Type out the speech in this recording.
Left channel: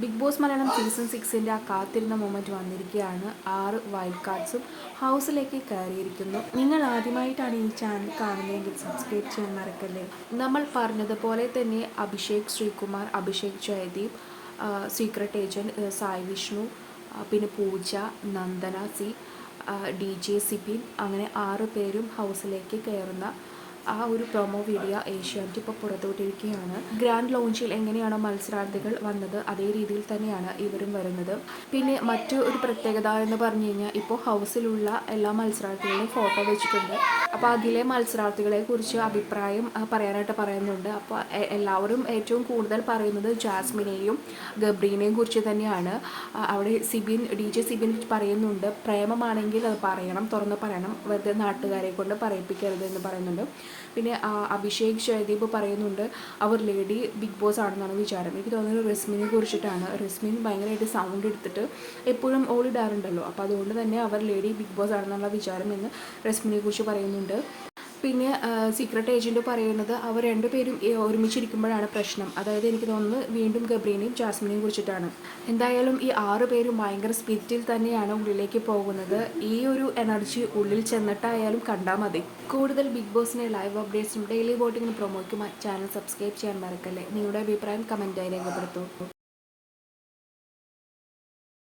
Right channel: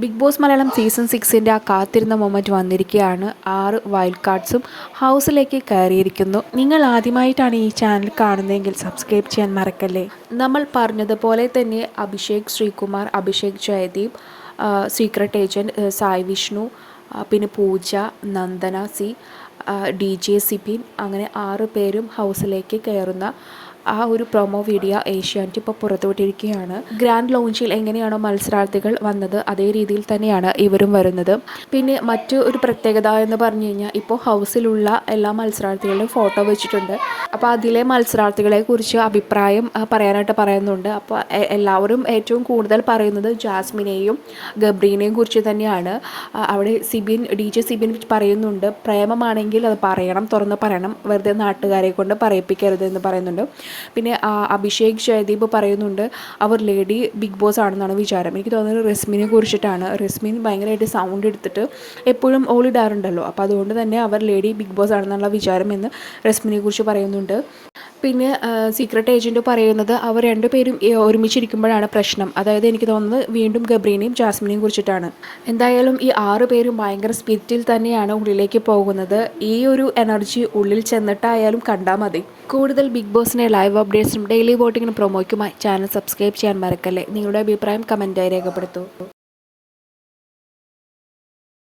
Big Boss Malayalam season സിക്സിന്റെ ആ കാത്തിരുന്ന മൊമെന്റ് വന്നിരിക്കുകയാണ്. ആറ് വൈൽഡ് കാർഡ്സും ഹൗസിലേക്ക് കയറിയിരിക്കുന്നു. നിങ്ങൾ ആദ്യമായിട്ടാണ് ഈ ചാനൽ കാണുന്നതെങ്കിൽ സബ്സ്ക്രൈബ് ചെയ്യാൻ മറക്കല്ലേ? നമ്മൾ പറഞ്ഞതുപോലെ തന്നെ അഭിഷേക് ശ്രീകുമാർ അഭിഷേക് ജയദീപ് സീക്രട്ട് ഏജന്റ് സായി വിഷ്ണു പിന്നെ Pooja Nandana C D J Sibin അങ്ങനെ ആറ് പേരും ഹൗസിലേക്ക് കയറുന്ന ആ ഒരു പ്രൊമോ വീഡിയോ ഏഷ്യാനെറ്റ് ഇപ്പോൾ പുറത്തുവിട്ടിരിക്കുകയാണ്. ഗ്രാൻഡ് ലോഞ്ചിൽ എങ്ങനെയാണോ മത്സരാർത്ഥികൾ വന്നത് അതേ രീതിയിൽ തന്നെയാണ് ഇവരും വരുന്നത്. പിന്നെ മറ്റു ഒരു പ്രത്യേകത എന്ന് പറഞ്ഞു കഴിഞ്ഞാൽ ഇപ്പോൾ ഹൗസിലുള്ള എല്ലാ മത്സരാർത്ഥികളുടെയും ഫോട്ടോ വെച്ചിട്ടുണ്ട്. അപ്പോൾ അതിലെ മത്സരാർത്ഥികളെ കുറിച്ച് അഭിപ്രായം പറയാനായിട്ട് പറയുന്നുണ്ട്. അപ്പോൾ എല്ലാവരും ഏറ്റവും കൂടുതൽ പറയുന്നത് ജാസ്മിനെയും ഗബ്രീനെയും കുറിച്ച് തന്നെയാണ്. അവിടെ സിബിൻ ഡി ജെ സിബിൻ പറയുന്നുണ്ട് പ്രേമമാണെങ്കിൽ അത് പറയണം തുറന്ന് പറയണം വെറുതെ നാട്ടുകാരെ കൊണ്ട് പറയിപ്പിക്കരുത് എന്ന് പറയുന്നുണ്ട്. പിന്നെ അഭിഷേക് ജയദീപ് പറയുന്നുണ്ട് അവർ ലേഡി ബിഗ് ബോസ് ആണെന്നാണ് വിചാരം. എനിക്ക് തോന്നുന്നത് റെസ്മിനെ കുറിച്ചിട്ടാണ്. റെസ്മിൻ ഭയങ്കരമായിട്ട് സൗണ്ട് എടുത്തിട്ട് എപ്പോഴും ഓളിടാറുണ്ടല്ലോ അപ്പോൾ അതുകൊണ്ട് തന്നെ അവർ ലേഡി ബിഗ് ബോസ് ആണെന്നുള്ള വിചാരം എന്ന് റെസ്മിനെ കുറിച്ച് പറയുന്നുണ്ട്. പിന്നെ സീക്രട്ട് ഏജന്റ് പറയുന്നത് അവർ രണ്ടുപേരും പേരും ഒരുമിച്ചിരിക്കുമ്പോഴാണ് പ്രശ്നം. അതായത് എനിക്ക് തോന്നുന്നത് വീണ്ടും ഗബ്രീനെയും ജാസ്മിനെയും കുറിച്ചിട്ടാണ്. എന്തായാലും ഈ ആറ് പേരും ഭയങ്കര സ്പിരിറ്റിൽ തന്നെയാണ് ഉള്ളിലേക്ക് പോകുന്നത്. ഈ ഒരു എനർജി ഉള്ളിൽ ചെന്നിട്ടായാലും കണ്ടാൽ മതി. കൂടുതൽ ബിഗ് ബോസിനെ ലൈവ് അപ്ഡേറ്റ്സും ഡെയിലി വോട്ടിങ്ങിനും പ്രൊമോയ്ക്കുമായി ചാനൽ സബ്സ്ക്രൈബ് ചെയ്യാൻ മറക്കല്ലേ. നിങ്ങളുടെ അഭിപ്രായം കമന്റായി രേഖപ്പെടുത്തൂ.